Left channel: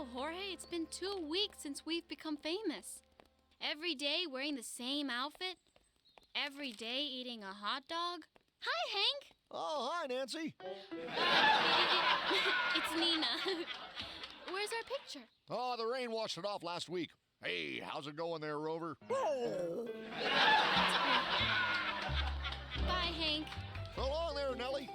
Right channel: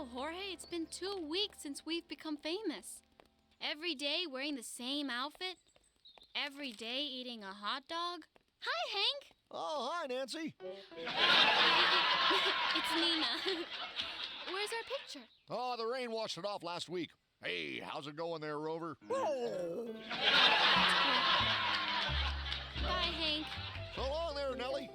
Wow, Jorge, it's been 2 weeks since we've become famous. Every day wearing the same outfit. Every day eating a hot dog. Hi, Hank. Oh, hi, Nancy. It's Nina. Where's our picture? Oh, the rain washed it off last week. Hey, how's it going there, Rover? Bye, Hank. So long there, Nellie.